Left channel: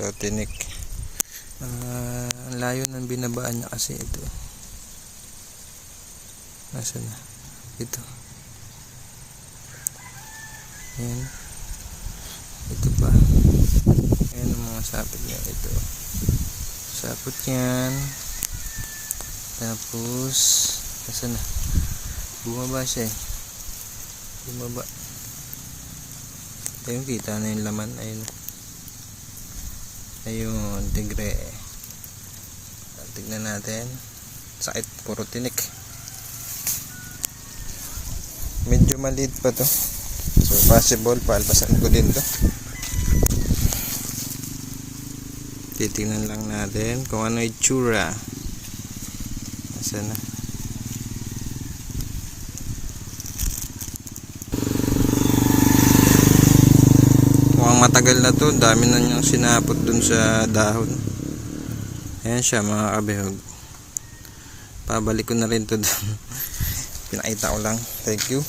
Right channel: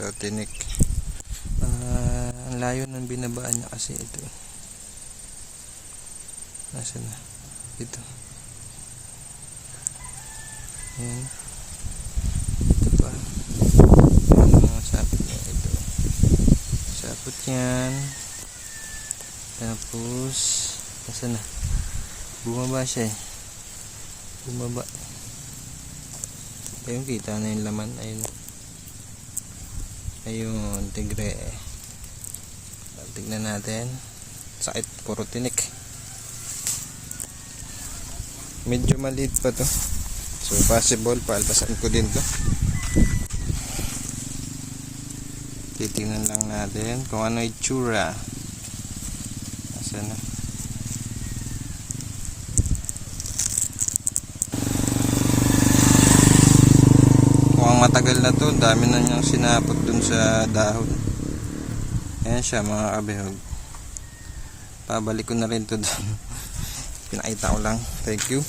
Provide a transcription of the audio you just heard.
So tinik. Ang layo ng binabaan niya kasi ito. Nasaan na? Ito. Ayan. Ito pa. Ayan ang mga sapit niya. Ito. Sapot yan. Tapos nasaan na? Bumaba siya eh. Bumaba. Ayun, kita na yung laman. Ayun. Ayun, tigre. Tignan natin. Sakit, puro tinik. Medyo maliit pa to. So possible, palpasan ko din to. Titingnan lang natin kung ano itsura. Asan na? Mukhang matagal na to. Dami na niyang sinapot dun sa dahon. Ayan siya mga kabihog. Pabalik ko na rin to dun. Pinakita ko lang. Thank you.